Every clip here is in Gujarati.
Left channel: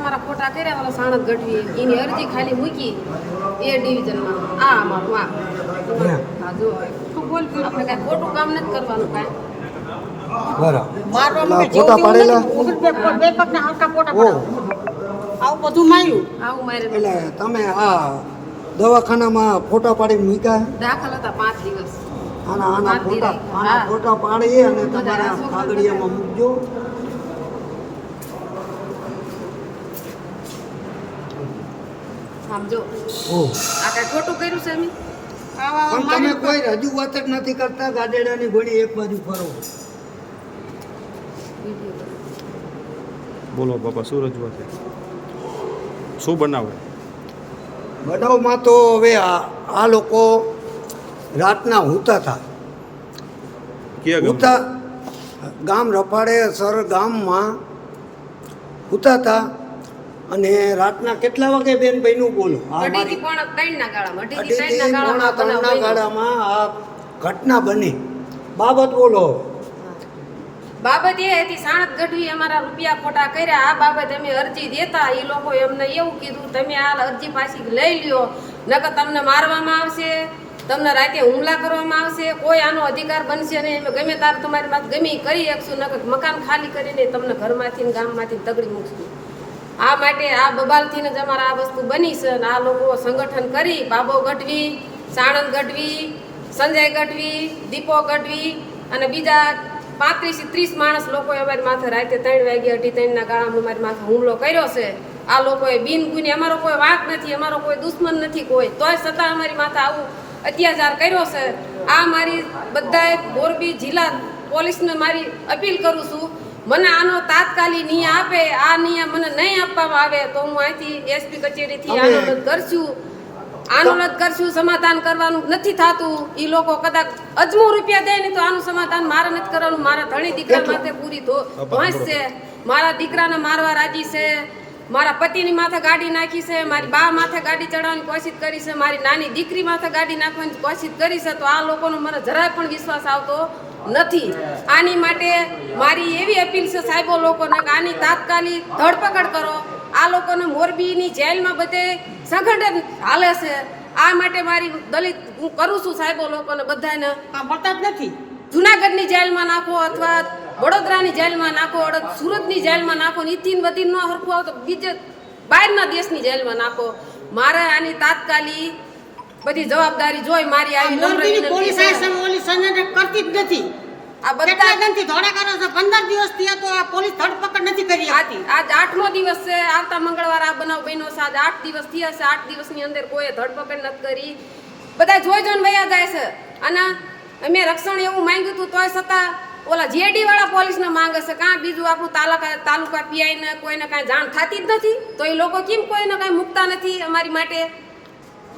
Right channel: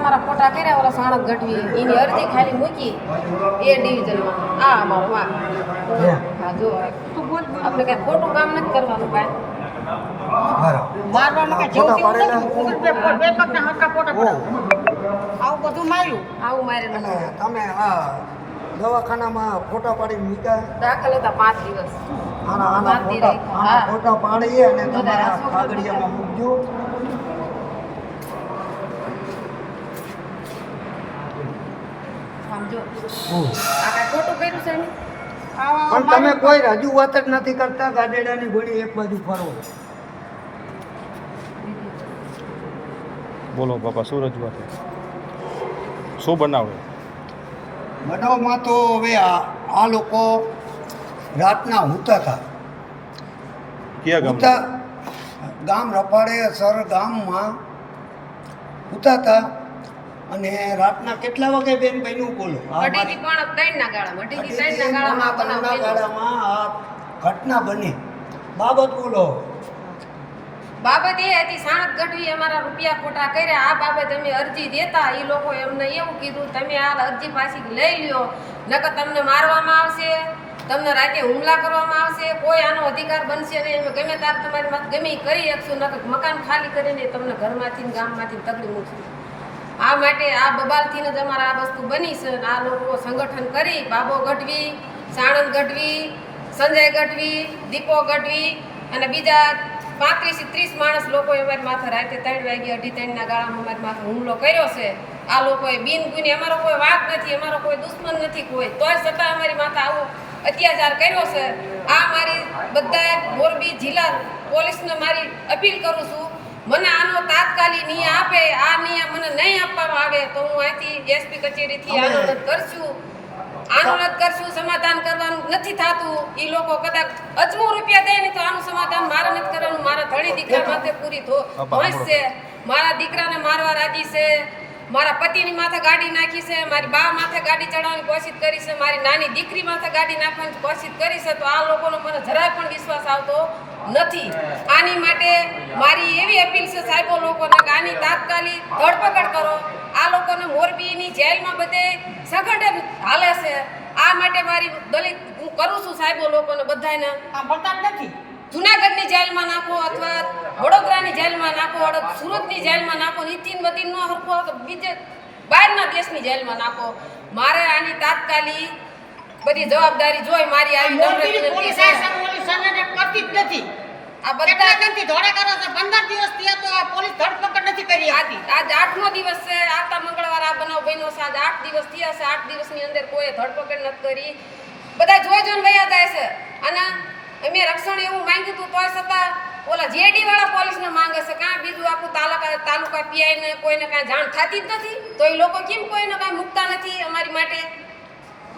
અમારા ખોટા કર્યા ઓલા સાણંદ ગઢવી એની અરજી ખાલી મૂકી એ ડિવિઝનમાં આ અમારું હા જો તું બોલ આપણે કાંઈ ખોટું કામ નથી કરવાનું કાંઈ તમે દવાખાનામાં ફોટા પાડી મૂક્યા દાખલ હતા 5 દિવસ આના ફોટા પાડી અને તમારા કાગળિયામાં મૂકજો. સમજો આ કઈ ખોટું કર્યું છે એમ પણ તમે કોઈ રજૂઆત જ નથી કરતા. ગાડેડાની ગોળી એક બાજુ ફરો. બોલો બાપા, શું રજૂઆત છે? શું બનાવે? બનાવમાં તો હવે આ લોકો રાતના હુતા હતા. ક્યાં હુતા ગામ રપાડે સર ગામમાં હુતા હતા અને રાતના કેટલા વાગે બેન બન્યું બોલો? ત્રણના ગાળામાં આ ઘટના બની. બાબત બોલો. બાબત એ હતી સાણંદ ગઢવી અમારા રૂપિયા ખોટા કર્યા. આ બાબત અમે અરજી દેતા એ લોકો એમને એવું કીધું તમે આ અરજી પાછી લઈ લ્યો, નકર તમને મારવામાં આવશે, તમને રાતે હુમલા કરવામાં આવશે, કોઈ આનો અધિકાર બનશે નહીં. ગમે તાર તમારી માથે ગમે કરી શકશું, નકર મકાન ખાલી કરીને તમને ઘરમાંથી ગામમાંથી તગડી મૂકશું. આ માટે આ બબાલથી જ અમારે આ વસ્તુ બની છે. અને આ લોકો સંગઠન કરી બાબો ગઢવી, સાણંદ ગઢવી, સંજય ગઢવી, દીપો ગઢવી અને બીજા 35-30 માણસ લોકોએ અમારી માથે રાતે 3 વાગે 2:30 ગાળામાં અમારી માથે હુમલો કર્યો છે. આ લોકોએ બિનગુની, અમારો કોઈ વાંક નથી, અમારો કોઈ દુશ્મન નથી કોઈ, તોય છતાં અમારી માથે આવું અત્યાચાર કર્યો છે. આ મારી બધાએ મોરબી જિલ્લા પોલીસને મારી અપીલ કરું છું, મને આનો તાત્કાલિક ન્યાય આપે. આ ન્યાય મને નહીં આપવામાં આવે તો હું અહીંથી એસપી કચેરીથી આંદોલન કરશું. સમાધાન કરવાનું નથી થતું. એ લોકો કદાચ અજમો રૂપિયા દે ને તો આનું સમાધાન મારે નથી કરવાનું. મારા ધણી દીકરા માથે પૂરી ધોંસ છે. મારા દીકરાને મારવા રાજી છે, મારા પતિની માથે ગાડી નાખી છે, મારી બા માથે ગાડી ચડાવવાની કોશિશ કરી છે, મારી નાની દીકરી માથે ગાડી નાખવાની કોશિશ કરી છે. તો આ લોકોનો મને જરાય પણ વિશ્વાસ આવતો નથી. આની માટે મારી એવી અપીલ છે સાહેબો લોકોને કે આની તાત્કાલિક ધરપકડ કરો. આ લોકોને મોરબીની જેલમાં બધે સંગઠન હાલે છે. આ માટે મારી દલિત હું કરું છું સાહેબો લોકોને બધાને. સાંભળતા જ નથી. જુનાગઢની જેલમાં નાખો અથવા વડોદરાની જેલમાં નાખો, સુરતની જેલમાં નાખો, નીતિન વતીન ન હરખો તો બીજે બહારના દેશની જેલમાં નાખો. મારે આની તાત્કાલિક બધી જવાબદારી જોઈ મારી આવી નમ્ર વિનંતી છે. કરતી જ નથી. આ બધા ગંતી ધોળા કરો છો. 15 દિવસ થયા તો આ પોલીસ ધરપકડ નથી કરી. આજ 8મો દિવસ છે. આવતા મંગળવાર આ બનાવ બન્યો છે. આજ 8 દિવસ થયા છે. 8 દિવસની અંદર કોઈ ધરપકડ નથી કરી. બધા જોઈ જોઈને વયા જાય છે. અને અમે રક્ષણ એવું માંગ્યું હતું તોય છતાં ઓલા જેડી વાળા પોલીસને માંગે છે. કાં બીજું આપણું તાલુકા પીઆઈને કોઈને કાંઈ જાણ થતી જ નથી. તો એ લોકો કેમ કોઈને કાંઈ મૂકતા નથી અમારી માટે?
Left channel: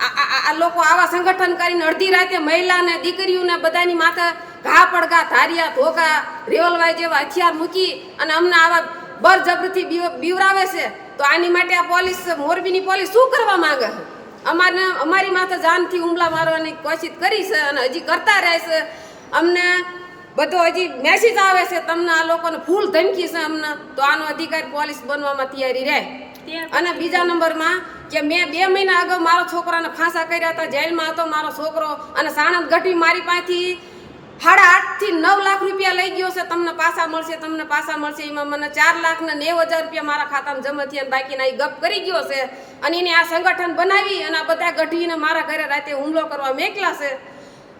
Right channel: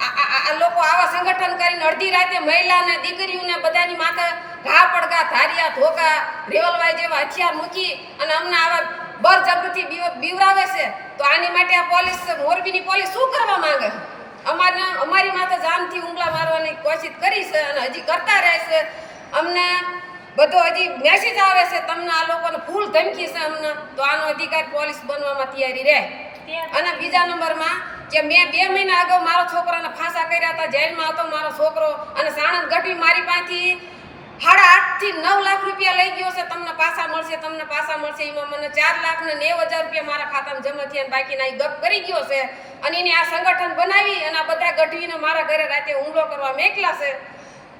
આ લોકો આવા સંગઠન કરીને અડધી રાતે મહિલાને દીકરીઓને બધાની માથે ઘા પડઘા, ધારિયા, ધોકા, રિવોલ્વર જેવા હથિયાર મૂકી અને અમને આવા બળજબરીથી બીવરાવે છે. તો આની માટે આ પોલીસ, મોરબીની પોલીસ શું કરવા માંગે છે? અમારી માથે જાનથી હુમલા મારવાની કોશિશ કરી છે અને હજી કરતા રહે છે. અમને બધો હજી મેસેજ આવે છે તમને આ લોકોને ફૂલ ધમકી છે અમને. તો આનો અધિકાર પોલીસ બનવામાં તૈયારી રહે. અને બીજા નંબરમાં કે મેં 2 મહિના અગાઉ મારો છોકરાને ફાંસા કર્યા હતા, જેલમાં હતો મારો છોકરો. અને સાણંદ ગઢવી મારી પાસેથી 8.5 થી 9 લાખ રૂપિયા લઈ ગયો છે. તમને પાછા મળશે, તમને પાછા મળશે. એમાં મને 4,90,000 રૂપિયા મારા ખાતામાં જમા થયા, બાકીના એ ગપ કરી ગયો છે. અને એને આ સંગઠન બનાવી અને આ બધા ગઢવીને મારા ઘરે રાતે હુમલો કરવા મેકલા છે.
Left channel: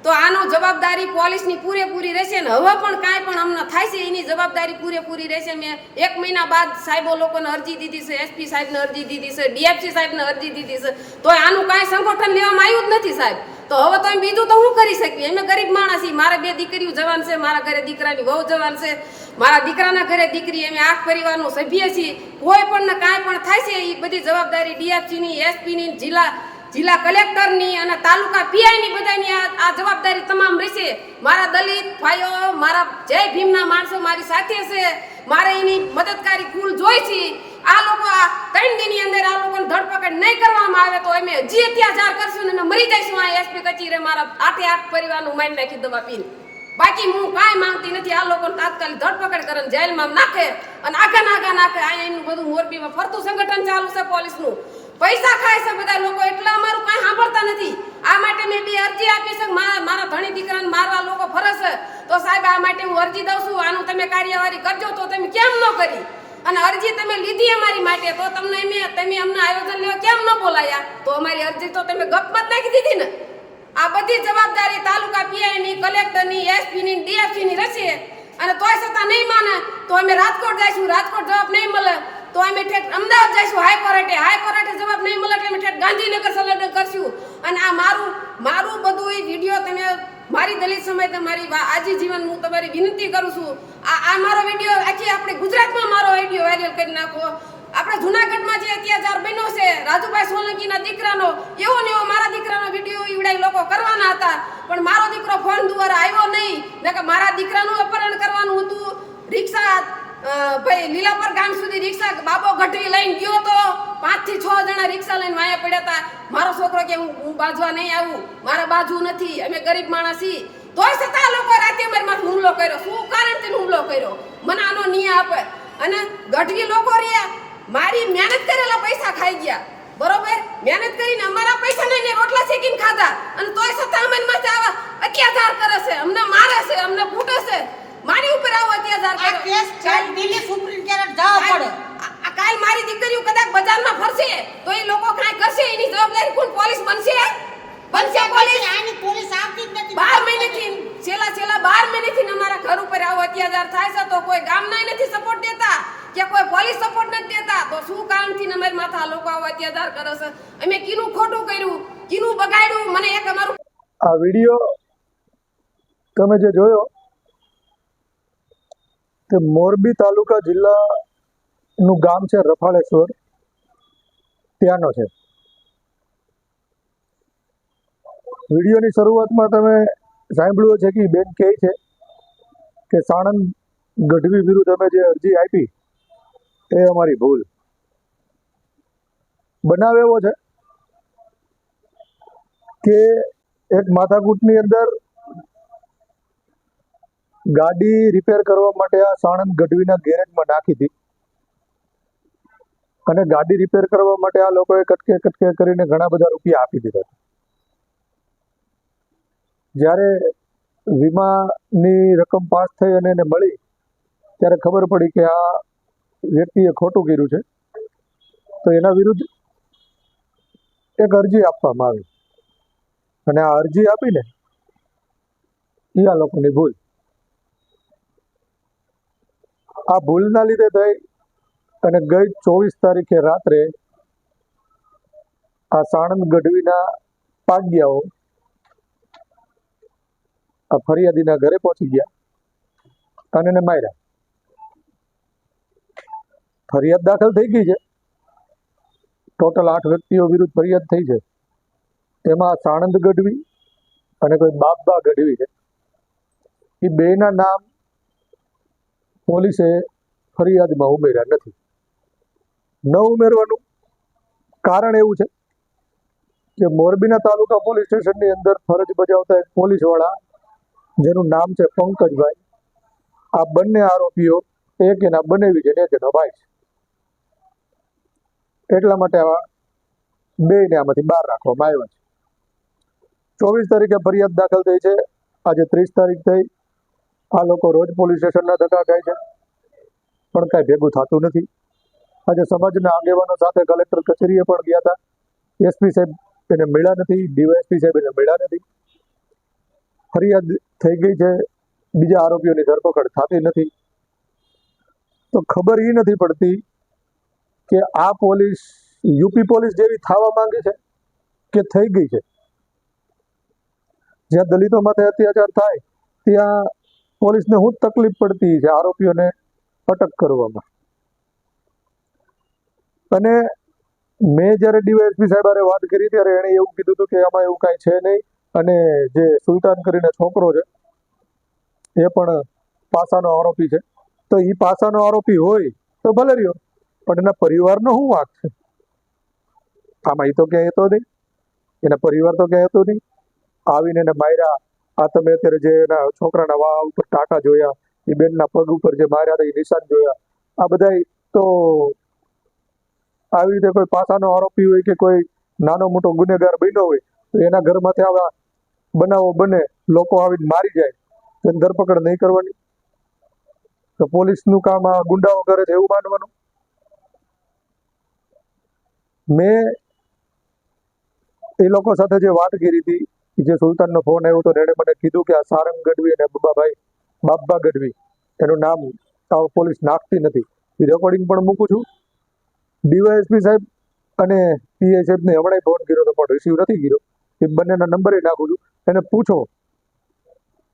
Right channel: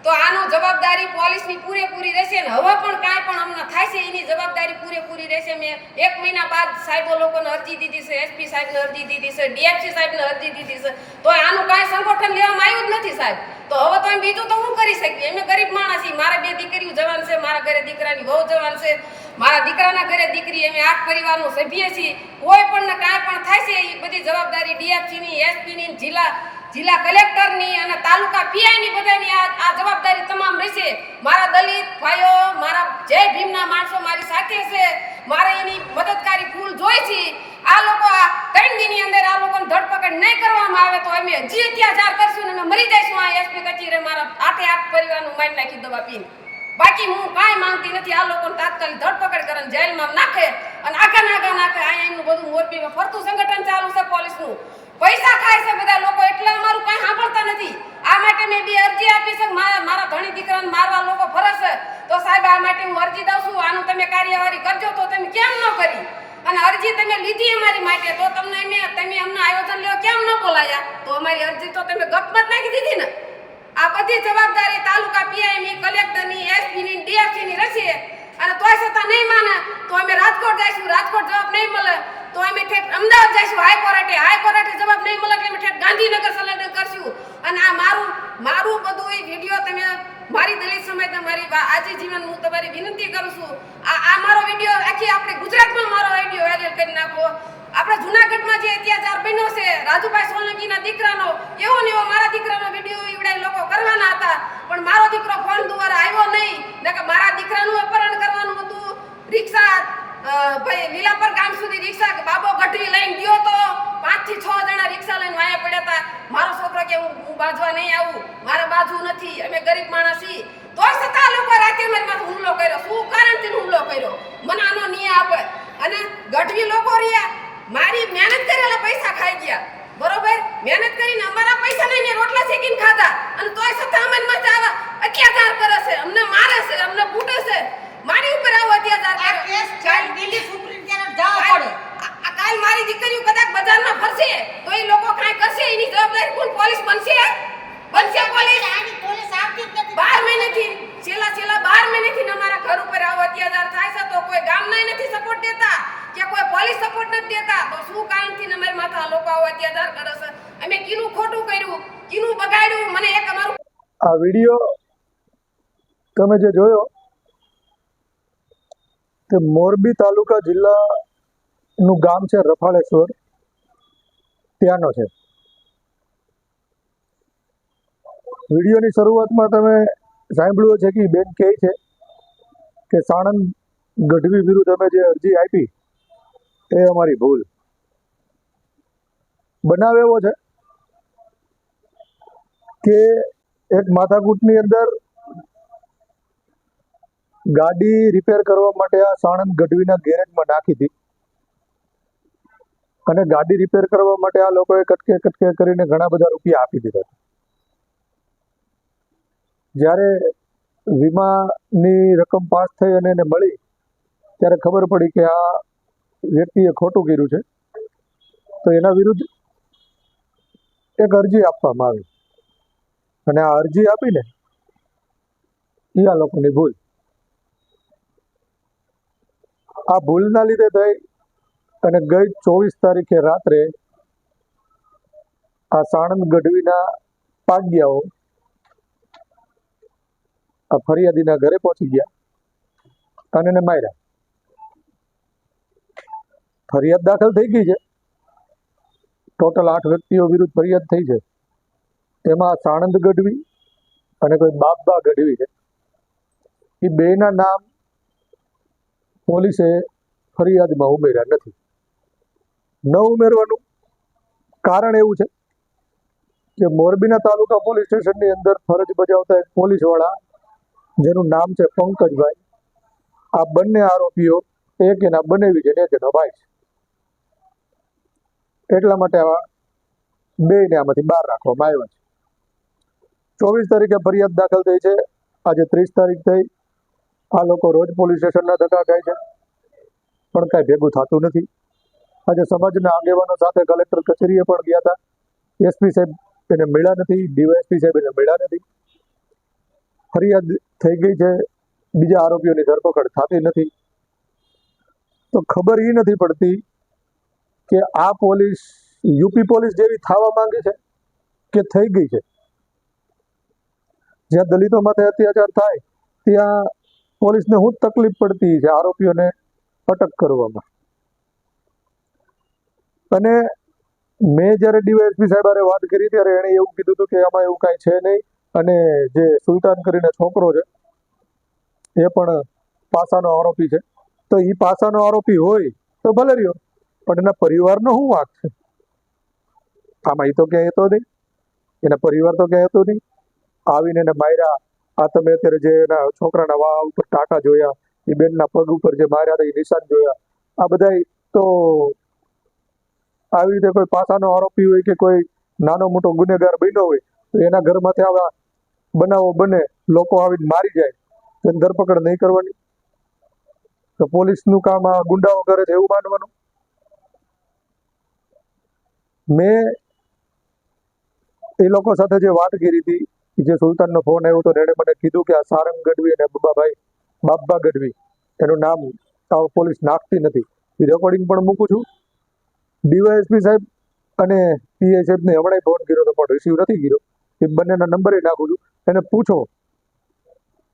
તો આનો જવાબદારી પોલીસની પૂરેપૂરી રહેશે. ને હવે પણ કાંઈ પણ અમને થાય છે એની જવાબદારી પૂરેપૂરી રહેશે. મેં 1 મહિના બાદ સાહેબો લોકોને અરજી દીધી છે, એસપી સાહેબને અરજી દીધી છે, ડીએફસી સાહેબને અરજી દીધી છે. તો આનું કાંઈ સંગઠન લેવામાં આવ્યું જ નથી સાહેબ. તો હવે તો બીજું તો શું કરી શકીએ? અમે ગરીબ માણસ છીએ. મારે 2 દીકરીઓ જવાન છે, મારા ઘરે દીકરાની વહુ જવાન છે, મારા દીકરાના ઘરે દીકરી. અમે 8 પરિવારનો સભ્ય છીએ. કોઈ પણ ને કાંઈ પણ થાય છે એ બધી જવાબદારી ડીએફસીની, એસપીની, જિલ્લા કલેક્ટરની અને તાલુકા પીઆઈની બધાની આ જવાબદારી તમામ રહેશે. મારા દલિત ભાઈઓ, મારા જય ભીમના માણસો મારી સાથે છે. મારે એની મદદકારી ફૂલ જોઈ છે. આ લોકો આ 3 દિનની અંદર આ લોકોને ધરપકડ નહીં કરવામાં આવે તો અમે હજી અત્યાચાર કરશું ને અમે મરી જઈશું. આ એસપી કચેરી મારા 8 પરિવારનું મારી નાખી દવા પીને. બાકી હું કાંઈ માંગતી નથી. આ લોકોને તાત્કાલિક ધરપકડ કરે ને જેલમાં નાખે અને આગા નાખે. અહીંયા એનું બધું મોરબીમાં ફરતું સંગઠન ચાલુ છે પોલીસનું. પૈસા ખાય છે બધા લોકો, એટલે અમારું કાંઈ સાંભળતા નથી. આ માટે મેં બી અરજી આપી છે. મારા ધણી દીકરાને મારવા લોકો ફરે છે, તો સાહેબ આ માટે હું અરજી દઉં છું. આનું તમે કાર્યવાહી કરજો. તો તમે કેમ ન કરી? અને અરજી તમે લીધી અમારી માટે, તો તમે અમને આયોજન લેવા કેમ ન બોલાયા? તો અમારી અરજી તો તમે ગપમાં જ નાખી દીધી ને. આ બધી જવાબદારી તાલુકા પીઆઈની, કલેક્ટરની, એસપીની, ડીએફસીની રહેશે. અને તોય છતાં નહીં માને તો અમે રાજકોટ જઈશું. રાજકોટ જવાબ નહીં મળે તો અમે ઠેઠ અમદાવાદ જઈશું હાઈકોર્ટે જવાબ નહીં મળે એટલે અમે ઠેઠ ગાંધીનગર સંલગ્ન કરશું. અને આ મારું બધું એ વિડીયો તમે મારી દલિત સમાજ મારી આજી જીવન હું તમારી વિનંતી કરું છું. આ મારો વિડીયો આખી આપણે ગુજરાતમાં મારો વિડીયો વાયરલ કરી નાખો. આપણે જુનાગઢમાં જે અત્યાચાર બન્યો છે રાજુભાઈ સોલંકીના દીકરાનો, એવો ને એવો મારા દીકરાનો વિડીયો ઈવડાઈ લોકો કરવાના હતા, પણ મારો દીકરો ફોન દ્વારા આવ્યો નહીં. નકર મારા દીકરાનું અપહરણ કરવાનું હતું. રિક્ષા ભાઈ લીલાપર ગામ સુધી રિક્ષા બાબો ગઢવી લઈને ગયો તો 5 થી 6 જણા રિક્ષા લઈને વાયા પડ્યા હતા. મારો છોકરો કે હું બાજવા નહીં આવું, મારે બાજુ નથી, અમે ગરીબ માણસ છીએ. તોય છતાં લોકો રાતે મારી હુમલો કર્યો. શું કારણથી હુમલો કર્યો? મને આનો ન્યાય આપે. અને ગઢવી લોકો રહ્યા મારી મહેનત કરેલા પૈસા ખાઈ ગયા. બરોબર, મહેનત કરીને અમારા પૈસાને એને રોટલા શેકીને ખાધા, અને તોય છતાં અમારી માથે આવા અત્યાચાર કરે છે, અમને મારે છે, અમને કૂટે છે. મારી ઉપર આવો અત્યાચાર આ કર્યો. કેસ ચાલ દિલ્હી સુપ્રીમ કોર્ટ જવા પડે. કાલ મારી દીકરીઓ કદાચ બજારમાં ફરશે તો એ લોકો કાંઈ કરશે, એની જવાબદારી કોણ? પોલીસ બનશે પોલીસ. આની પોલીસ આવતી જ નથી. 12 મહિનેથી છેલ્લા 12 મહિનેથી અમારા ઘર ઉપર આવો અત્યાચાર થાય છે, તો કોઈ ગામના નથી સપોર્ટ દેતા કે કોઈ પોલીસ સપોર્ટ નથી દેતા. તો શું કારણથી અમારી માથા લોકો આવો અત્યાચાર કરે છે? અમે કીનું ખોટું કર્યું, કીનું બગાડ્યું? મને એક અમારું આ વિડીયો તમે જે જોયો તે મોરબી તાલુકા જિલ્લાનું ગામ છે રફાળેશ્વર, ત્યાંનો છે. વિડીયોની શરૂઆતમાં તમે સાંભળ્યું છે કે બેન કહે છે કે સાણંદ ગઢવી વિરુદ્ધ અમે જે અરજી આપી એ અમારી ભૂલ. બનાવ એવો છે કે એક માથાકૂટની અંદર ગાડી રિપેર કરવા માટે આ સાણંદ ગઢવીના ગેરેજમાં નાખી હતી, અને ગાડી રિપેર કરવા માટે આ લોકોએ કટકે કરીને ઘણા બધા રૂપિયા આપી દીધા. જ્યારે વીમાની રકમ પાસ થઈ અને એને મળી ત્યારે ખબર પડી કે આ વ્યક્તિએ ખોટું કર્યું છે, તો એના વિરુદ્ધ એક અરજી આપવામાં આવી. અને આ અરજી આપીને એ આ લોકોની ભૂલ. આ ભૂલના લીધે થઈ અને ગઈ 24 તારીખે રાત્રે આ સાણંદ ગઢવીના પાગ્યાઓ આ ફરિયાદીના ઘરે પહોંચી ગયા અને એને માર્યા. ફરિયાદ દાખલ થઈ ગઈ છે. ટોટલ 8 વ્યક્તિઓ વિરુદ્ધ ફરિયાદ થઈ છે. તેમાં સાણંદ ગઢવી અને કોઈ બાબા ગઢવી છે. એ બેના નામ પોલીસે ફરિયાદમાં ઉમેર્યા નથી. ન ઉમેરવાનું કારણ એવું છે કે મોરબીના તાલુકા પોલીસ સ્ટેશનની અંદર ફરજ બજાવતા એક પોલીસવાળા જેનું નામ છે પંકજભાઈ, આ બંને આરોપીઓ એક એના બનેવી છે ને એક એનો ભાઈ છે. એટલા માટે આવા બેને આમાંથી બહાર રાખવામાં આવ્યા છે. 24 તારીખે ફરિયાદ દાખલ થઈ છે. આજે 30 તારીખ થઈ. આ લોકો રોજ પોલીસ સ્ટેશનના ધક્કા ખાય છે, પણ કાંઈ ભેગું થતું નથી. આજે સમાજના આગેવાનો સાથે કલેક્ટર કચેરીએ પણ ગયા હતા. એસપી સાહેબ એને મળ્યા નથી, ડીવાયએસપી સાહેબ એને મળ્યા નથી. ફરિયાદ થઈ ગઈ છે, બીજા આરોપીઓની ધરપકડ થતી નથી. તો ખબર એ નથી પડતી કે આ પોલીસ યુપી પોલીસ જેવી થવા માંગે છે કે થઈ ગઈ છે. જ્યાં દલિતો માથે અત્યાચાર થાય ત્યાં પોલીસને શું તકલીફ પડતી છે આરોપીઓને અટક કરવામાં. અને મેં જ્યારે ડીવાયએસપી સાહેબ હારે વાત કરી ત્યારે એણે એવું કીધું હતું કે આમાં એવું કાંઈ છે નહીં, અને જે સુલતાન કરીને છોકરો છે એ પણ પાસાનો આરોપી છે. તો એ પાસાનો આરોપી હોય તો ભલે રહ્યો, પણ એના પરિવારનો શું વાંક છે આમાં? એ તો ક્યાંય હતો નહીં, એના પરિવાર તો ક્યાંય હતો નહીં. આવીને એને માર્યા, આ તમે અત્યારે જે એના છોકરાના વાળ ઉપર ટાંકા જોયા, એ બેનના પગ ઉપર જે માર્યા હતા એ નિશાન જોયા, આ બધા તો આવી રીતે કોઈ પાસાનો આરોપી હોય કે કોઈ નાનો મોટો ગુનેગાર બન્યો હોય તો એના ઘરમાંથી આવા બનાવો બને, લોકો આવીને મારી જાય તો એની ધરપકડ નહીં કરવાની? તો પોલીસનું કામ આ ગુંડાઓ કરે છે એવું માનવાનું? મેં એ લોકો સાથે જે વાત કરી હતી, જે સુલતાનનો ફોન આવ્યો તો એણે મને કીધું કે આ સારંગ ગઢવી અને બાબા ગઢવી એનું નામ પોલીસ નાખતી નથી. એ રેકોર્ડિંગ પણ મૂકું છું. ડીવાયએસપી સાહેબ અને પીઆઈ સાહેબને હમણાં ફોન કર્યો તો પણ રિસીવ નથી કર્યો. એ બંનેના નંબરે નાખું છું. એને પૂછો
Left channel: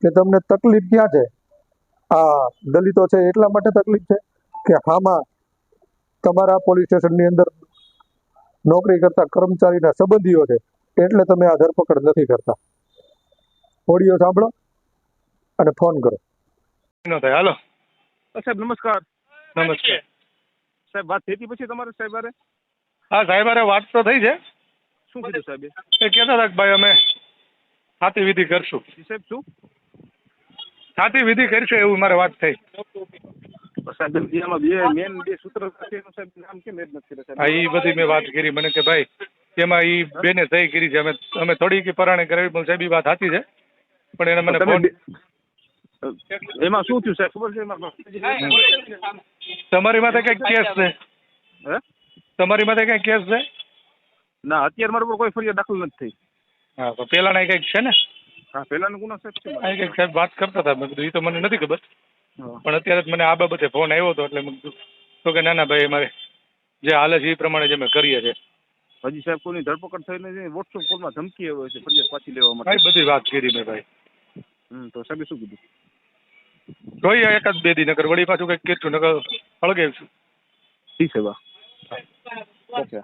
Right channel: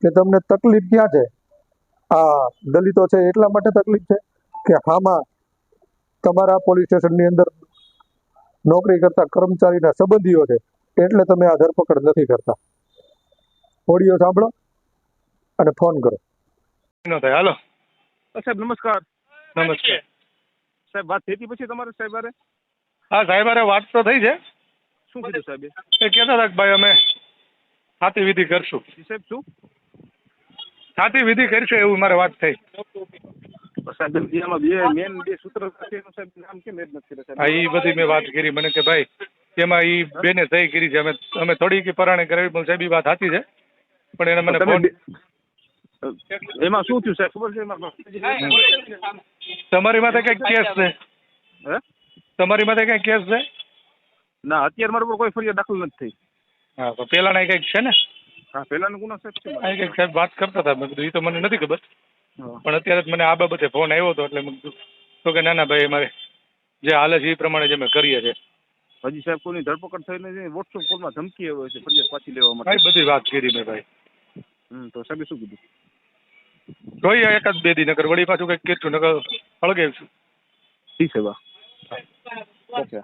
કે તમને તકલીફ ક્યાં છે? આ દલિતો છે એટલા માટે તકલીફ છે કે આમાં તમારા પોલીસ સ્ટેશનની અંદર નોકરી કરતા કર્મચારીના સંબંધીઓ છે એટલે તમે આ ધરપકડ નથી કરતા? ઓડિયો સાંભળો અને ફોન કરો. હાલો સાહેબ નમસ્કાર. નમસ્કાર સાહેબ વાત થઈ હતી પછી તમારે સાહેબ હારે? હા સાહેબ અરે વાત તો થઈ છે. શું કીધું સાહેબે? એ કહેતા હતા કે ભાઈ અમે છાતી વિધિ કરશું. સાહેબ શું છાતી વિધિ કરશું એવું મારે વાત થઈ. સાહેબ આમાં મેન બે સૂત્ર સાથેનું સાહેબ નામ કેમ એડ નથી કર્યા હા એ બધી મેં વાત કરી. મને કે ભાઈ એમાં એ બેને સહી કરી છે, અમે થોડી પરાણે કરાવી. પણ સાહેબ એ વાત સાચી છે, પણ એને મને ફોન એમાં શું થયું સાહેબ ખબર છે? તમારી માથે કઈક કેસ છે? હે તમારી માથે કઈ કેસ છે? ના અત્યારે મારા પર કોઈ ફરિયાદ દાખલ નથી થઈ. હા તો પેલાના કઈક છે ને? હા પહેલાનો ગુનો સાહેબ છે. આ કઈક સાહેબ વાત કરતા હતા. મેં કીધું એ તો મને નથી ખબર, હા. પણ અત્યારે જ મને આ બાબતે ફોન આવ્યો હતો એટલે મેં કીધું તો કે ના ના ભાઈ અમારે જે હાલે છે એ પ્રમાણે જ અમે કરીએ છીએ. હજી સાહેબ કોઈની ધરપકડ થઈ નથી. વોટ્સઅપ કોલમાં ધમકી આવે છે ફરિયાદ પાછી લેવા માટે. ભાઈ બધી વાત કરી મેં ભાઈ. તો સાહેબે શું કીધું? જોઈએ એકાદ બે દી નકર વળી પાછું કંઈક કેટલું નકર હળગે છું. ઠીક છે બા. ઓકે.